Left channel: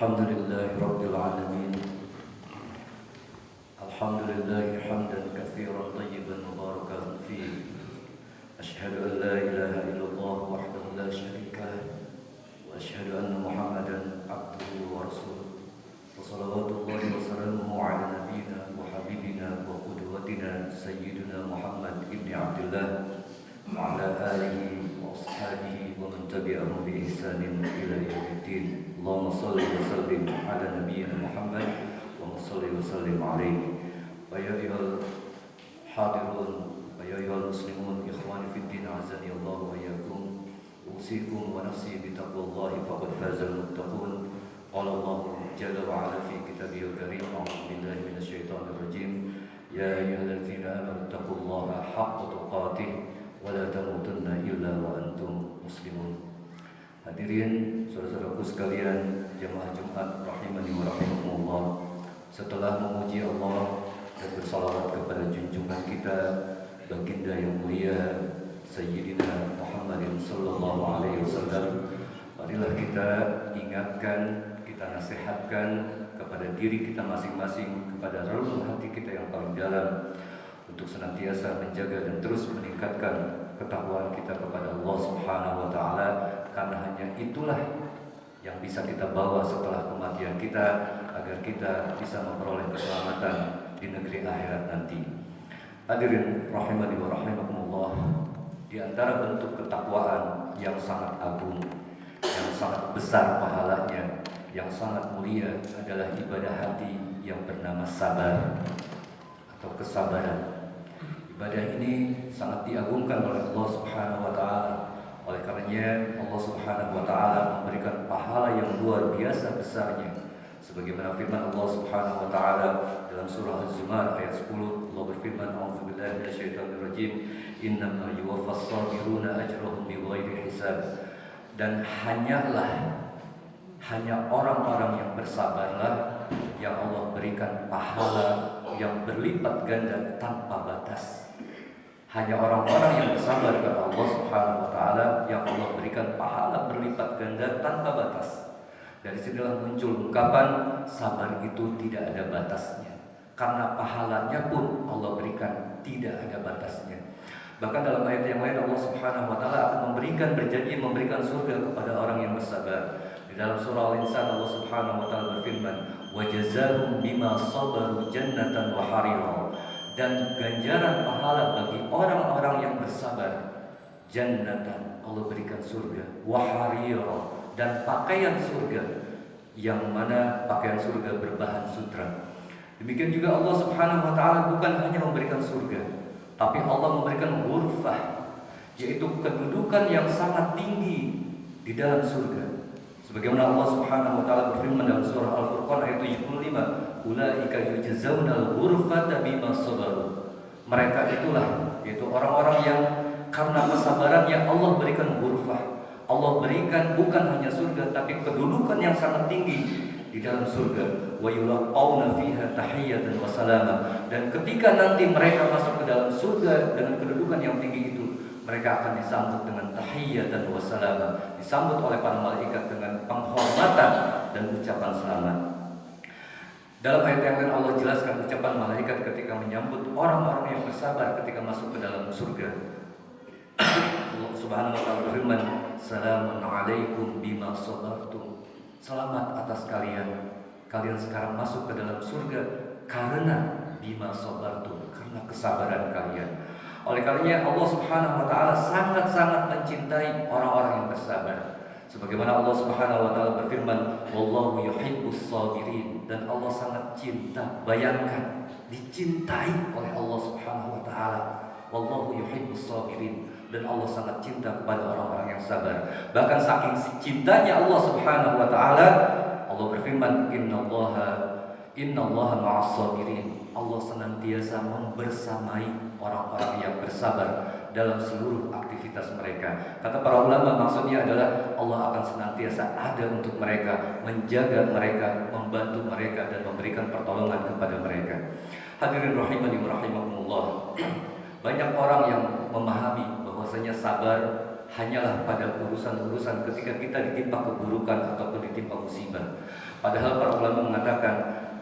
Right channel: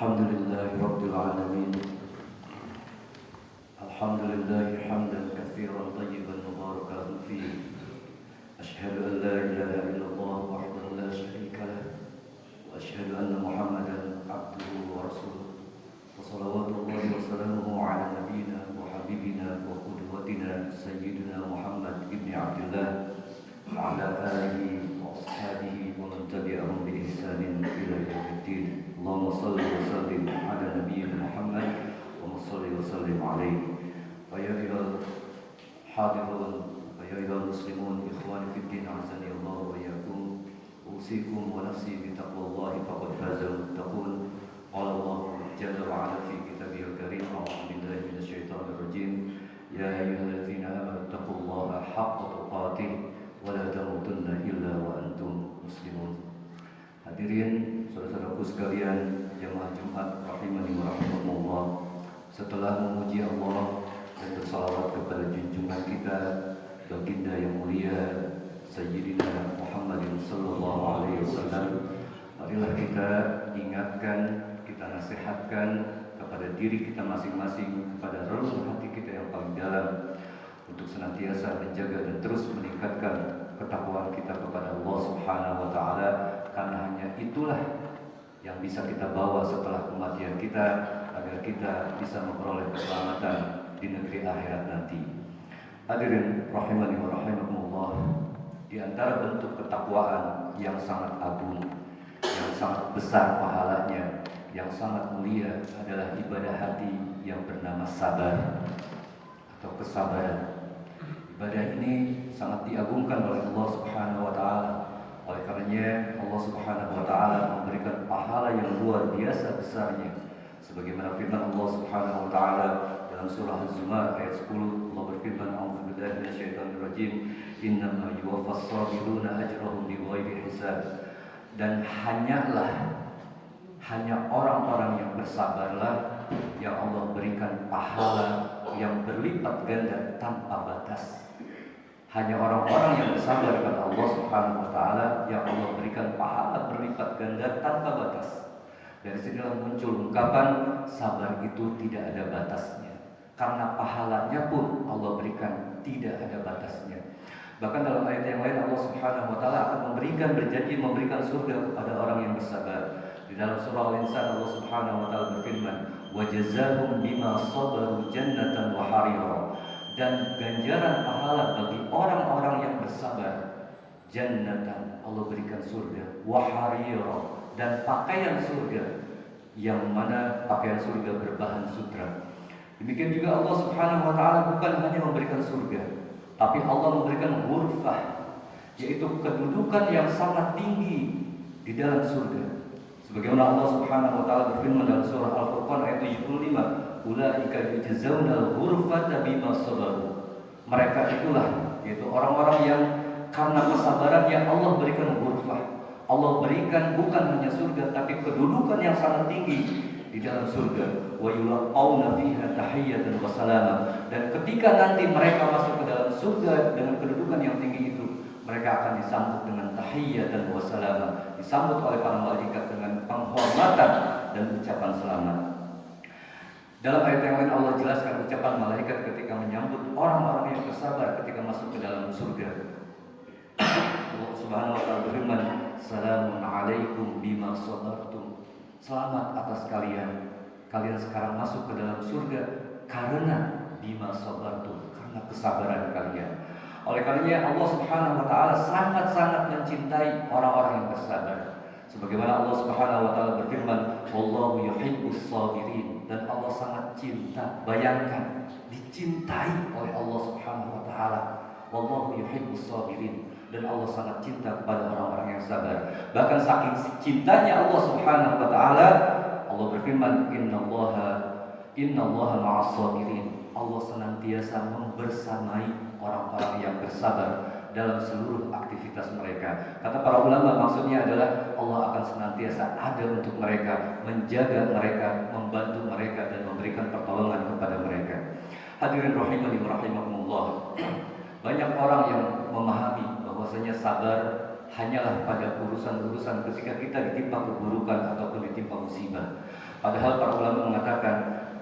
الحمد لله رب العالمين. الحمد لله حمدا كثيرا طيبا مباركا فيه. أشهد أن لا إله إلا الله وحده لا شريك له، وأشهد أن محمدا عبده ورسوله، وصلوات الله وسلامه على نبينا وحبيبنا وقدوتنا سيدنا محمد بن عبد الله وعلى آله وأصحابه ومن تبعهم بإحسان إلى يوم الدين. اللهم صل وسلم على نبينا محمد وصل وسلم عليه. ويا أيها الحاضرون ويا أيها المسلمون إخواني في الدين عزني الله وإياكم، أوصيكم ونفسي بتقوى الله فقد فاز المتقون. قال الله جل وعلا في كتابه الكريم: أعوذ بالله من الشيطان الرجيم، يا أيها الذين آمنوا اتقوا الله حق تقاته ولا تموتن إلا وأنتم مسلمون. Hadirin saudara-saudaraku sekalian, jemaah Jumat rahimani wa rahimakumullah. Setelah memuji Allah dan bersalawat kepada junjungan kita, baginda yang mulia Sayyidina Muhammadin sallallahu alaihi wasallam, marilah kita ingatkan, kita nasihatkan kepada diri kita masing-masing, kepada relung hati kita yang paling dalam, untuk senantiasa menjaga dan terus meningkatkan ketakwaan kita kepada Allah Subhanahu wa taala, karena hanya itulah yang bisa kita bawa setelah kematian kita, agar kita bisa memperoleh keselamatan di negeri akhirat nanti. Hadirin rahimani wa rahimakumullah, di antara bentuk ketakwaan yang sangat agung, yang sangat besar pahalanya, yang sangat mulia adalah ibadah hati yang bernama sabar atau kesabaran. Ibadah ini sangat diagungkan oleh Allah Subhanahu wa taala. Oleh karenanya Allah Subhanahu wa taala memberikan pahala yang luar biasa besarnya. Sebagaimana firman Allah Subhanahu wa taala dalam surah Az-Zumar ayat 10, Allah berfirman: "A'udzubillahi minasyaitonirrajim, innama yuwaffas sabiruna ajrahum bighairi hisab." Dan hanya orang-orang yang bersabarlah yang Allah berikan pahala yang berlipat ganda tanpa batas. Hanya orang-orang yang bersabar kepada Allah Subhanahu wa taala yang Allah berikan pahala berlipat ganda tanpa batas. Dari sinilah muncul ungkapan sabar itu tidak ada batasnya, karena pahalanya pun Allah berikan tidak ada batasnya. Bahkan dalam ayat yang lain Allah Subhanahu wa taala akan berjanji memberikan surga kepada orang yang bersabar. Di dalam surah Al-Insan Allah Subhanahu wa taala berfirman: "Wa jazaahum bima sabaru jannatan wa harira." Dan ganjaran pahala bagi orang-orang yang bersabar, jannatan, Allah berikan surga, wa harira, dan pakaian surga, yang mana pakaian surga berbahan sutra. Demikian juga Allah Subhanahu wa taala bukan hanya memberikan surga, tapi Allah memberikan ghurfah, yaitu kedudukan yang sangat tinggi di dalam surga. Sebagaimana Allah Subhanahu wa taala berfirman dalam surah Al-Furqan ayat 75, "Ulaika yujzauna al-ghurfata bima sabaru." Mereka itulah, yaitu orang-orang yang karena kesabarannya Allah berikan ghurfah. Allah berikan bukan hanya surga, tapi kedudukan yang sangat tinggi di dalam surga. Wa yulqauna fiha tahiyatan wa salama. Dan ketika nanti mereka masuk ke dalam surga dengan kedudukan yang tinggi itu, mereka akan disambut dengan tahiyatan wa salama, disambut oleh para malaikat dengan penghormatan dan ucapan selamat. Dalam ayat yang lain Allah jelaskan ucapan malaikat ketika menyambut orang-orang yang bersabar ketika masuk ke dalam surga. Allah Subhanahu wa taala berfirman: "Salamun alaikum bima sabartum." Selamat atas kalian. Kalian sekarang masuk ke dalam surga karena bima sabartum, karena kesabaran kalian. Oleh karenanya Allah Subhanahu wa taala sangat-sangat mencintai orang-orang yang bersabar. Sebagaimana Allah Subhanahu wa taala berfirman, "Wallahu yuhibbus sabirin." Dan Allah sangat cinta. Bayangkan, dicintai oleh Allah Subhanahu wa taala. Wallahu yuhibbus sabirin. Dan Allah sangat cinta kepada orang-orang yang sabar. Bahkan saking cintanya Allah Subhanahu wa taala, Allah berfirman, "Innallaha ma'as sabirin." Allah senantiasa membersamai orang-orang yang bersabar dalam seluruh aktivitas mereka. Kata para ulama, maksudnya adalah Allah akan senantiasa ada untuk mereka, menjaga mereka, membantu mereka, dan memberikan pertolongan kepada mereka. Hadirin rahimani wa rahimakumullah, banyak orang yang memahami bahwasanya sabar hanyalah pada urusan-urusan ketika kita ditimpa keburukan ataupun ditimpa musibah. Padahal para ulama mengatakan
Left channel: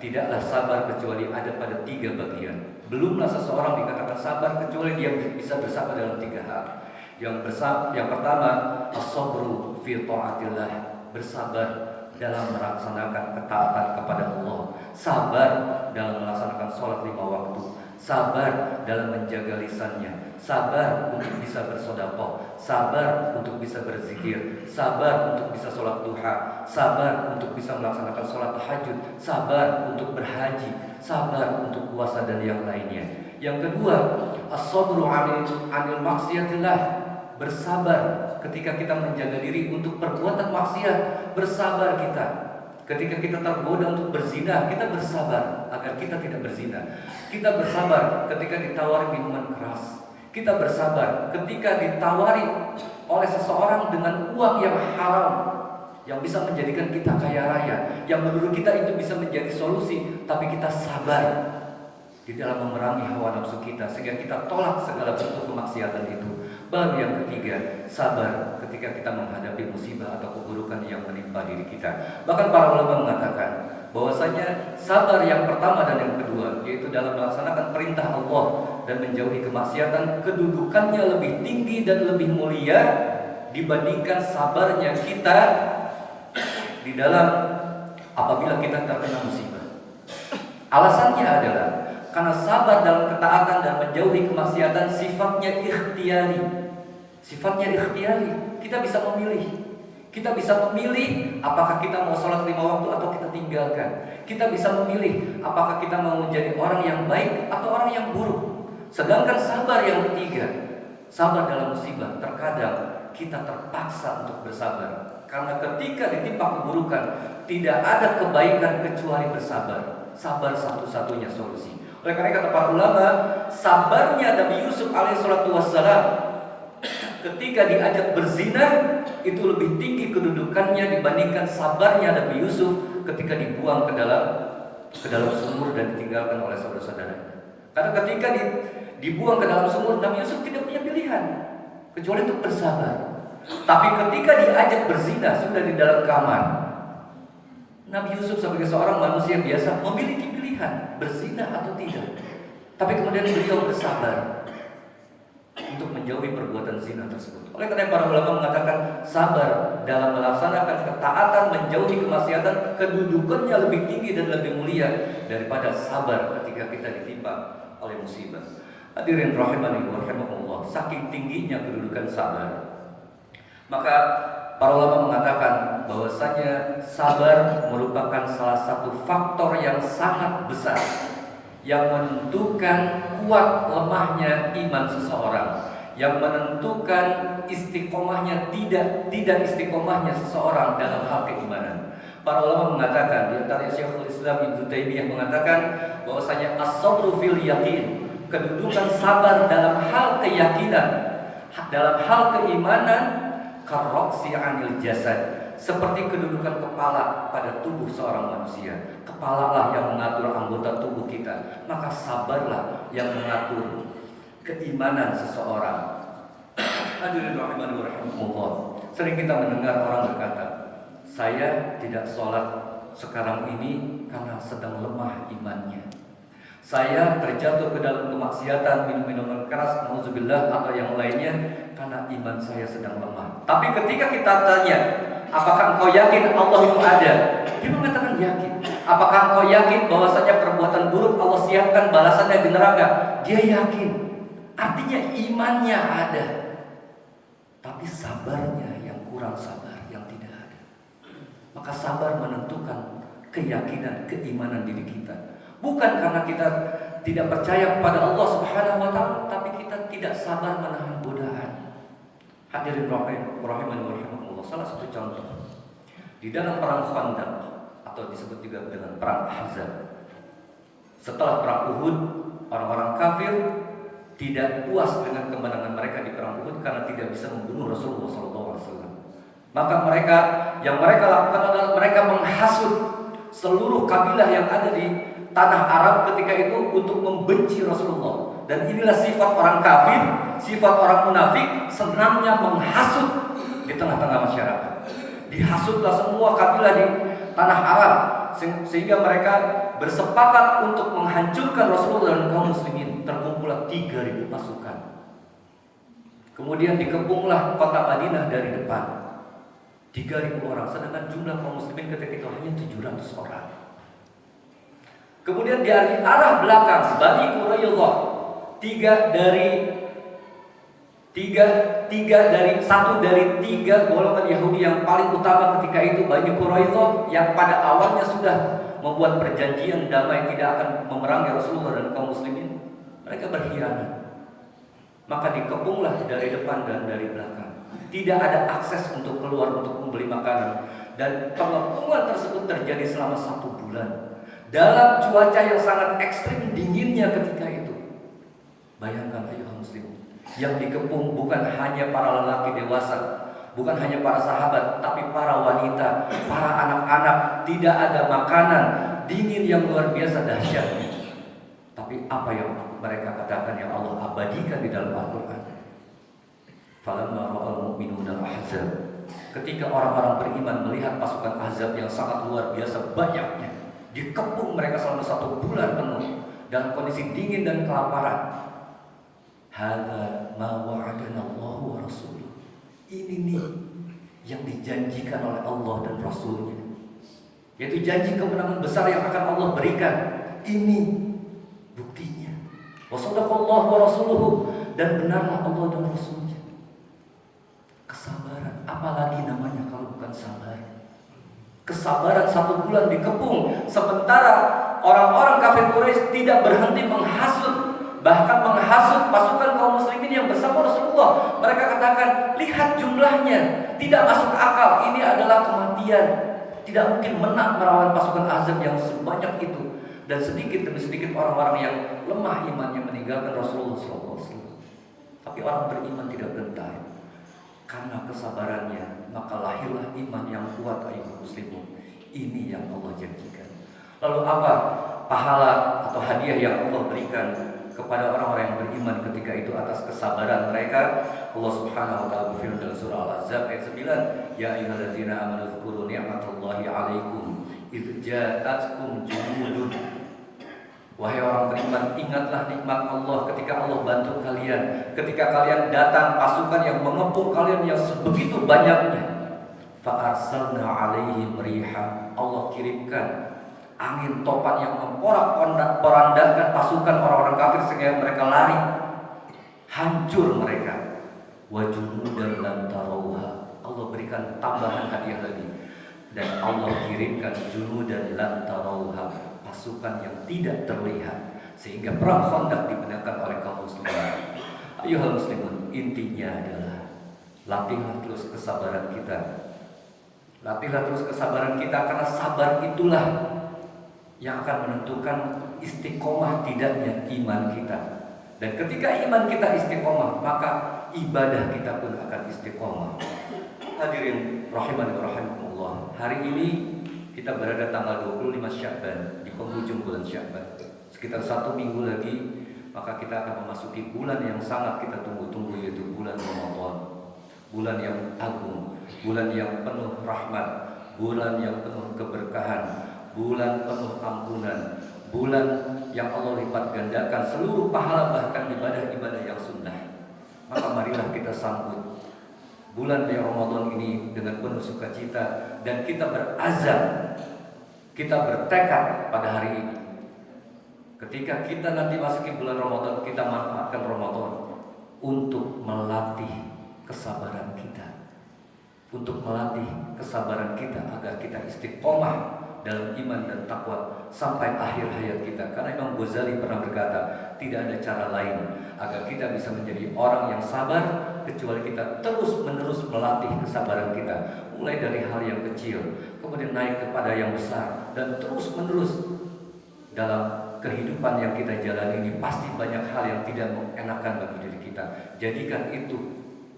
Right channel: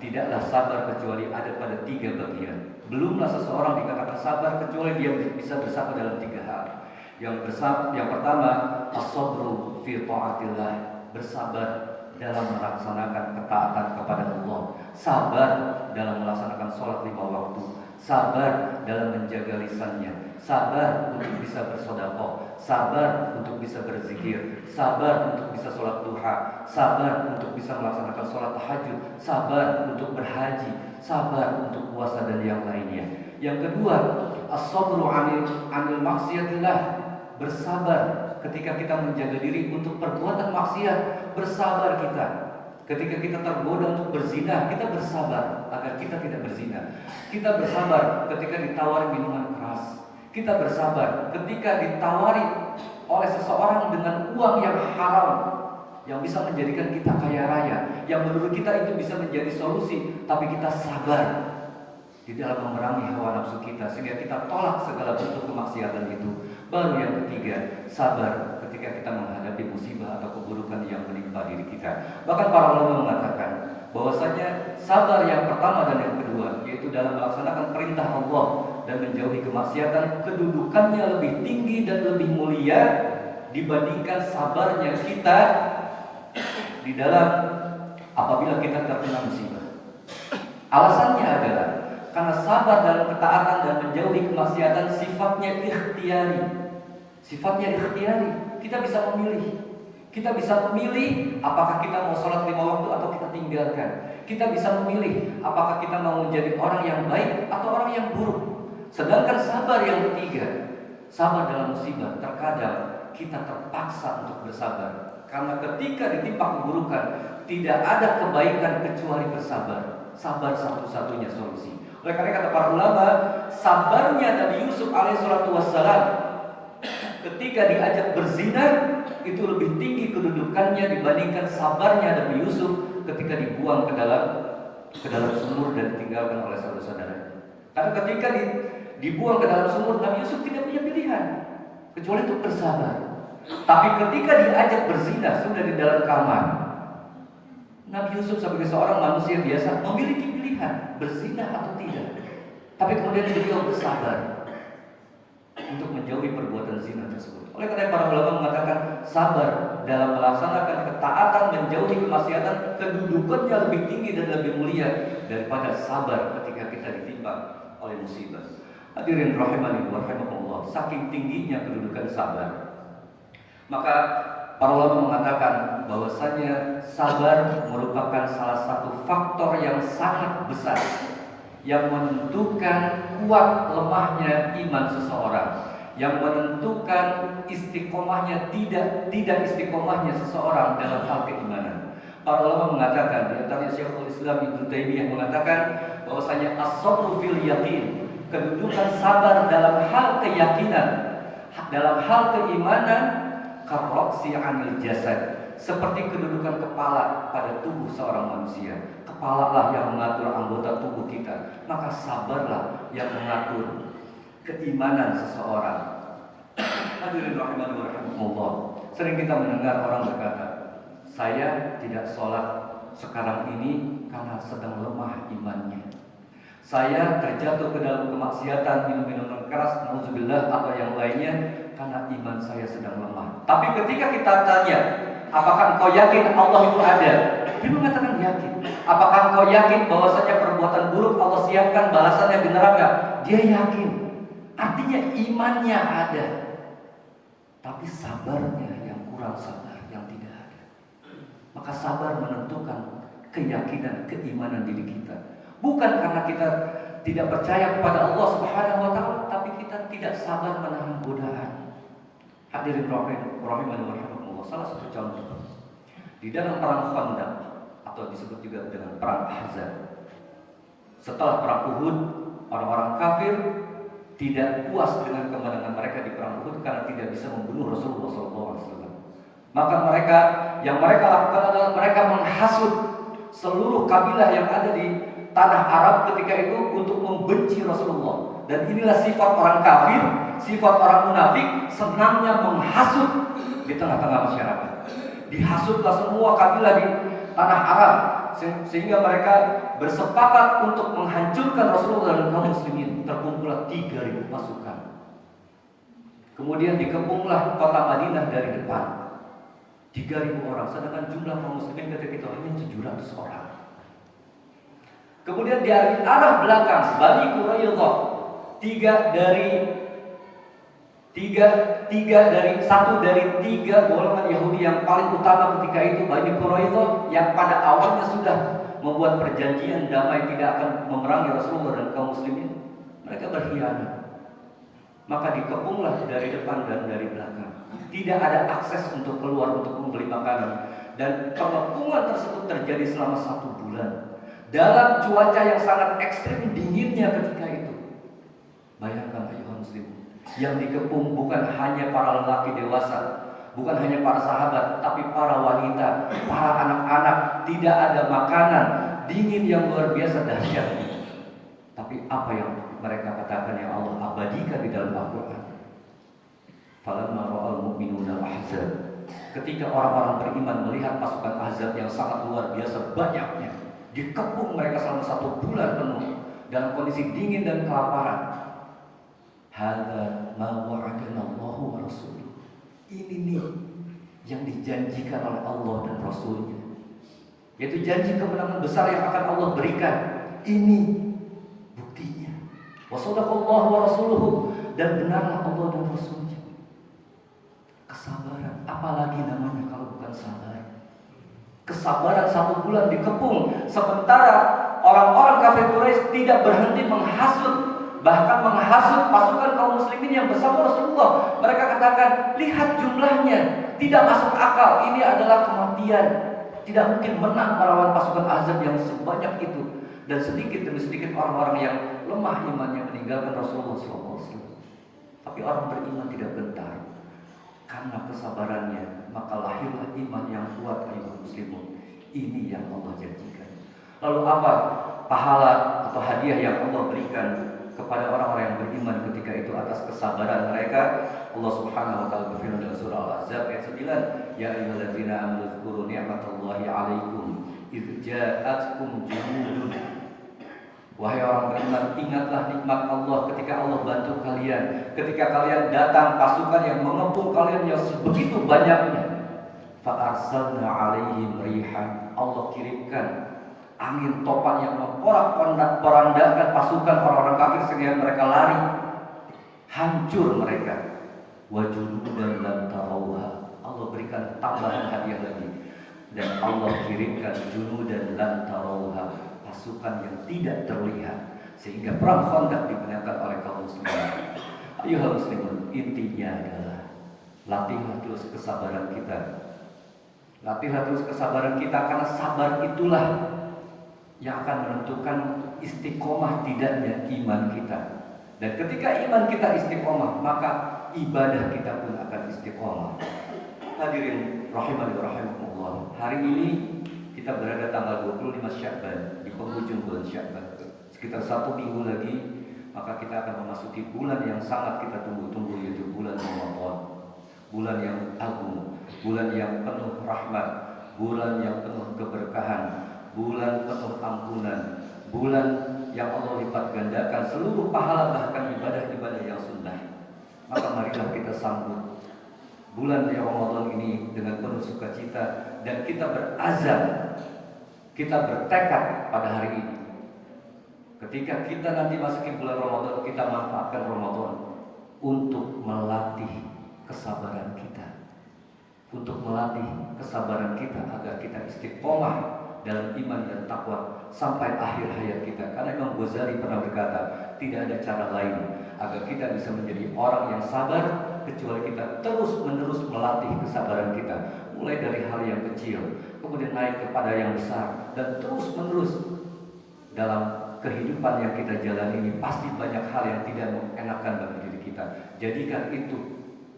tidaklah sabar kecuali ada pada 3 bagian. Belumlah seseorang dikatakan sabar kecuali dia bisa bersabar dalam 3 hal. Yang pertama, as-sabru fi ta'atillah, bersabar dalam melaksanakan ketaatan kepada Allah, sabar dalam melaksanakan sholat 5 waktu, sabar dalam menjaga lisannya, sabar untuk bisa bersedekah, sabar untuk bisa berzikir, sabar untuk bisa sholat duha, sabar untuk bisa melaksanakan sholat tahajud, sabar untuk berhaji, sabar untuk puasa dan yang lainnya. Yang kedua, as-sabru 'anil maksiatillah, bersabar ketika kita menjaga diri untuk perbuatan maksiat, bersabar kita. Ketika kita tergoda untuk berzina, kita bersabar agar kita tidak berzina. Kita bersabar ketika ditawari minuman keras. Kita bersabar ketika ditawari oleh seseorang dengan uang yang haram, yang bisa menjadikan kita kaya raya, yang menurut kita itu bisa menjadi solusi, tapi kita sabar di dalam memerangi hawa nafsu kita sehingga kita tolak segala bentuk kemaksiatan itu. Baru yang ketiga, sabar ketika kita menghadapi musibah atau keburukan yang menimpa diri kita. Bahkan para ulama mengatakan bahwasanya sabar yang pertama dan yang kedua, yaitu dalam melaksanakan perintah Allah dan menjauhi kemaksiatan, kedudukannya lebih tinggi dan lebih mulia dibandingkan sabarnya kita di dalam apabila kita terkena musibah. Alasannya adalah karena sabar dalam ketaatan dan menjauhi kemaksiatan sifatnya ikhtiari. Sifatnya ikhtiari. Kita bisa memilih. Kita bisa memilih apakah kita mau sholat 5 waktu atau kita tinggalkan. Kita bisa memilih apakah kita mau menjadi orang yang baik atau orang yang buruk. Sedangkan sabar yang ketiga, sabar dalam musibah, terkadang kita terpaksa untuk bersabar. Karena ketika ditimpa keburukan, tidak ada kebaikan kecuali bersabar. Sabar satu-satunya solusi. Oleh karena kata para ulama, sabarnya Nabi Yusuf alaihissalatu wassalam ketika diajak berzina itu lebih tinggi kedudukannya dibandingkan sabarnya Nabi Yusuf ketika dibuang ke dalam sumur dan ditinggalkan oleh saudara-saudaranya. Karena ketika dibuang ke dalam sumur, Nabi Yusuf tidak punya pilihan kecuali untuk bersabar. Tapi ketika diajak berzina sudah di dalam kamar, Nabi Yusuf sebagai seorang manusia biasa memiliki pilihan berzina atau tidak. Tapi kemudian beliau bersabar untuk menjauhi perbuatan zina tersebut. Oleh karena para ulama mengatakan sabar dalam melaksanakan ketaatan menjauhi kemaksiatan kedudukannya lebih tinggi dan lebih mulia daripada sabar ketika kita ditimpa oleh musibah. Hadirin rahimani wa rahimakumullah, saking tingginya kedudukan sabar, maka para ulama mengatakan bahwasanya sabar merupakan salah satu faktor yang sangat besar yang menentukan kuat lemahnya iman seseorang, yang menentukan istiqomahnya tidak istiqomahnya seseorang dalam hal keimanan. Para ulama mengatakan, di antaranya Syekhul Islam Ibnu Taimiyah mengatakan bahwasanya as-sabru fil yaqin, kedudukan sabar dalam hal keyakinan, dalam hal keimanan, karoksi anil jasad, seperti kedudukan kepala pada tubuh seorang manusia. Kepala lah yang mengatur anggota tubuh kita, maka sabarlah yang mengatur keimanan seseorang. Hadirin rahimani wa rahimakumullah, sering kita mendengar orang berkata, saya tidak sholat sekarang ini karena sedang lemah imannya. Saya terjatuh ke dalam kemaksiatan, minum-minuman keras, nauzubillah atau yang lainnya karena iman saya sedang lemah. Tapi ketika kita tanya, apakah engkau yakin Allah itu ada? Dia mengatakan yakin. Apakah engkau yakin bahwasanya perbuatan buruk Allah siapkan balasannya di neraka? Dia yakin. Artinya imannya ada. Tapi sabarnya yang kurang sabar, yang tidak ada. Maka sabar menentukan keyakinan, keimanan diri kita. Bukan karena kita tidak percaya kepada Allah Subhanahu wa taala, tapi kita tidak sabar menahan godaan. Hadirin rahimani wa rahimakumullah, salah satu contoh di dalam perang Khandaq atau disebut juga dengan perang Ahzab. Setelah perang Uhud, orang-orang kafir tidak puas dengan kemenangan mereka di perang Uhud karena tidak bisa membunuh Rasulullah SAW. Maka yang mereka lakukan adalah mereka menghasut seluruh kabilah yang ada di tanah Arab ketika itu untuk membenci Rasulullah. Dan inilah sifat orang kafir, sifat orang munafik, senangnya menghasut di tengah-tengah masyarakat. Dihasutlah semua kabilah tanah Arab, sehingga mereka bersepakat untuk menghancurkan Rasulullah dan kaum muslimin. Terkumpullah 3.000 pasukan. Kemudian dikepunglah kota Madinah dari depan, 3.000 orang, sedangkan jumlah kaum muslimin ketika itu hanya 700 orang. Kemudian dari arah belakang Bani Quraidah, satu dari tiga golongan Yahudi yang paling utama ketika itu, Bani Quraidah, yang pada awalnya sudah membuat perjanjian damai tidak akan memerangi Rasulullah dan kaum muslimin, mereka berkhianat. Maka dikepunglah dari depan dan dari belakang. Tidak ada akses untuk keluar untuk membeli makanan. Dan pengepungan tersebut terjadi selama 1 bulan dalam cuaca yang sangat ekstrim dinginnya ketika itu. Bayangkan ayuhal muslim, yang dikepung bukan hanya para lelaki dewasa, bukan hanya para sahabat, tapi para wanita, para anak-anak. Tidak ada makanan, dingin yang luar biasa dahsyatnya. Tapi apa yang mereka katakan yang Allah abadikan di dalam Al-Quran? Falamma ra'al mu'minuna al-ahzab, ketika orang-orang beriman melihat pasukan Ahzab yang sangat luar biasa banyaknya, dikepung mereka selama 1 bulan penuh dalam kondisi dingin dan kelaparan. Hadza ma wa'adana Allahu wa rasuluh. Ini nih yang dijanjikan oleh Allah dan Rasulnya, yaitu janji kemenangan besar yang akan Allah berikan. Ini buktinya. Wa sadaqallahu wa rasuluhu, dan benarlah Allah dan Rasulnya. Kesabaran, apalagi namanya kalau bukan sabar. Kesabaran 1 bulan dikepung, sementara orang-orang kafir Quraisy tidak berhenti menghasut, bahkan menghasut pasukan kaum muslimin yang bersama Rasulullah. Mereka katakan, lihat jumlahnya, tidak masuk akal, ini adalah kematian. Tidak mungkin menang melawan pasukan Ahzab yang sebanyak itu. Dan sedikit demi sedikit orang-orang yang lemah imannya meninggalkan Rasulullah SAW. Tapi orang beriman tidak gentar. Karena kesabarannya, maka lahirlah iman yang kuat ayuhal muslimun. Ini yang Allah janjikan. Lalu apa pahala atau hadiah yang Allah berikan kepada orang-orang yang beriman ketika itu atas kesabaran mereka? Allah Subhanahu wa taala berfirman dalam surah Al-Ahzab ayat 9, ya ayyuhalladzina amanu dzkuru ni'matallahi 'alaikum idz ja'atkum junudun. Wahai orang beriman, ingatlah nikmat Allah ketika Allah bantu kalian, ketika kalian datang pasukan yang mengepung kalian yang sebegitu banyaknya. Fa arsalna 'alaihim rihan, Allah kirimkan angin topan yang memporak-porandakan pasukan orang-orang kafir sehingga mereka lari, hancur mereka. Wa junudan lam tarawha, Allah berikan tambahan hadiah lagi, dan Allah kirimkan junudan lam tarawha, pasukan yang tidak terlihat, sehingga perang Khandaq dimenangkan oleh kaum muslimin. Ayuhal muslimun, intinya adalah latihlah terus kesabaran kita. Latihlah terus kesabaran kita, karena sabar itulah yang akan menentukan istiqomah tidaknya iman kita. Dan ketika iman kita istiqomah, maka ibadah kita pun akan istiqomah. Hadirin rahimani wa rahimakumullah, hari ini kita berada tanggal 25 Sya'ban, di penghujung bulan Sya'ban. Sekitar 1 minggu lagi, maka kita akan memasuki bulan yang sangat kita tunggu-tunggu, yaitu bulan Ramadan. Bulan yang agung, bulan yang penuh rahmat, bulan yang penuh keberkahan, bulan penuh ampunan, bulan yang Allah lipat gandakan seluruh pahala bahkan ibadah-ibadah yang sunnah. Maka marilah kita sambut bulan Ramadan ini dengan penuh sukacita, dan kita berazam, kita bertekad pada hari ini. Ketika kita nanti masuki bulan Ramadan, kita manfaatkan Ramadan untuk melatih kesabaran kita, untuk melatih kesabaran kita agar kita istiqomah dalam iman dan takwa sampai akhir hayat kita. Karena Imam Ghazali pernah berkata, tidak ada cara lain agar kita bisa menjadi orang yang sabar kecuali kita terus-menerus melatih kesabaran kita, mulai dari hal yang kecil, kemudian naik kepada yang besar, dan terus-menerus dalam kehidupan yang kita jalani ini. Pasti banyak hal yang tidak mengenakan bagi diri kita. Jadikan itu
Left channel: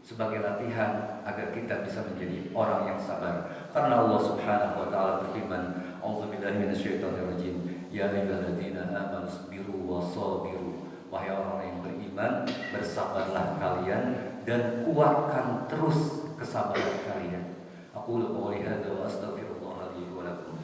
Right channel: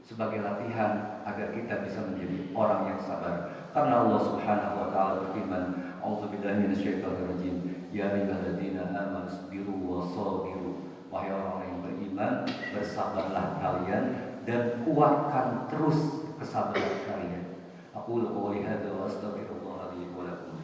sebagai latihan agar kita bisa menjadi orang yang sabar. Karena Allah Subhanahu wa taala berfirman, A'udzubillahi minasyaitonirrajim, ya ayyuhalladzina amanu sabiru wa sabiru. Wahai orang yang beriman, bersabarlah kalian dan kuatkan terus kesabaran kalian. Aku qouli hadza wa astaghfirullah li wa lakum.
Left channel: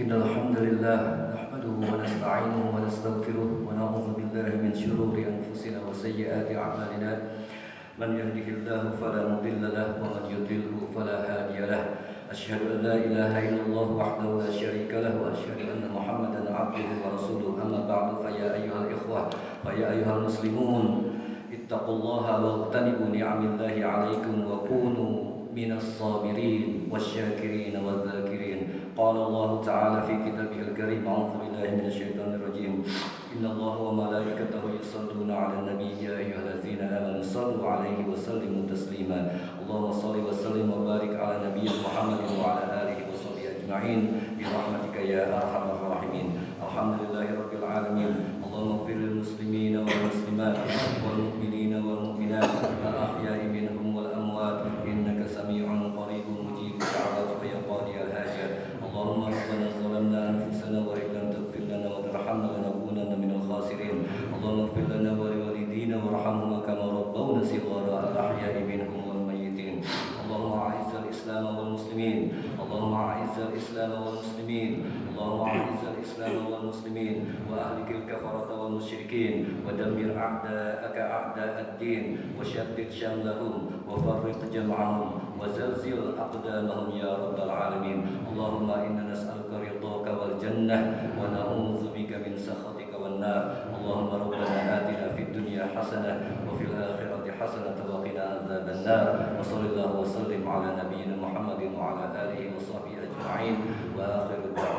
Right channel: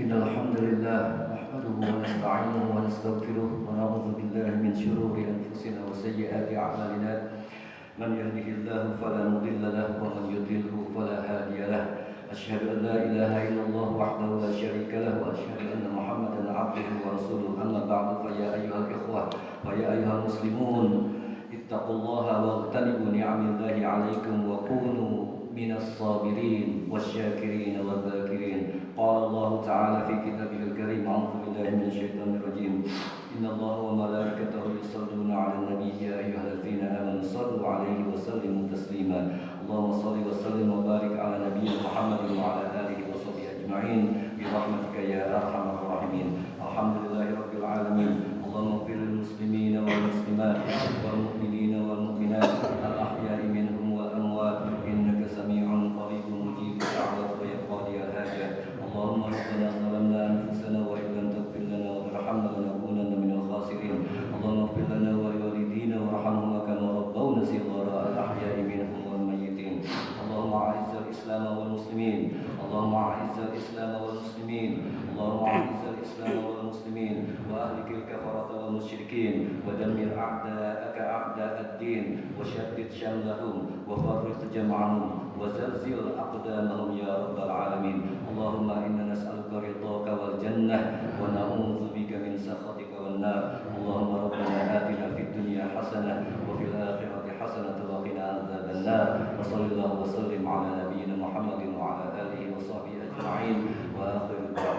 إن الحمد لله نحمده ونستعينه ونستغفره ونعوذ بالله من شرور أنفسنا وسيئات أعمالنا من يهده الله فلا مضل له ومن يضلله فلا هادي له أشهد أن لا إله إلا الله وحده لا شريك له وأشهد أن محمدا عبده ورسوله أما بعد فيا أيها الإخوة فيا أيها المسلمون اتقوا الله واغتنموا نعم الله عليكم وكونوا من الصابرين والشاكرين والذاكرين. قال الله تعالى في كتابه الكريم أعوذ بالله من الشيطان الرجيم إن الله وملائكته يصلون على النبي يا أيها الذين آمنوا صلوا عليه وسلموا تسليما. اللهم صل وسلم وبارك على نبينا محمد وعلى آله وصحبه أجمعين برحمتك يا أرحم الراحمين. الحمد لله رب العالمين. اللهم اغفر للمسلمين والمسلمات والمؤمنين والمؤمنات الأحياء منهم والأموات إنك سميع قريب مجيب الدعوات ويا قاضي الحاجات. اللهم ربنا ظلمنا أنفسنا وإن لم تغفر لنا وترحمنا لنكونن من الخاسرين. اللهم اغفر لنا ولوالدينا وارحمهما كما ربونا صغارا الأحياء منهم والميتين. اللهم أعز الإسلام والمسلمين. اللهم أعز الإسلام والمسلمين. اللهم أعز الإسلام والمسلمين وأهلك الكفرة والمشركين ودمر أعداءك أعداء الدين وشتت شملهم وفرق جمعهم وزلزل أقدامهم يا رب العالمين. اللهم إنا نسألك رضاك والجنة ونعوذ بك من سخطك والنار. اللهم ربنا آتنا في الدنيا حسنة وفي الآخرة حسنة وقنا عذاب النار. وصلى الله وسلم على نبينا محمد وعلى آله وصحبه أجمعين وآخر الدعوة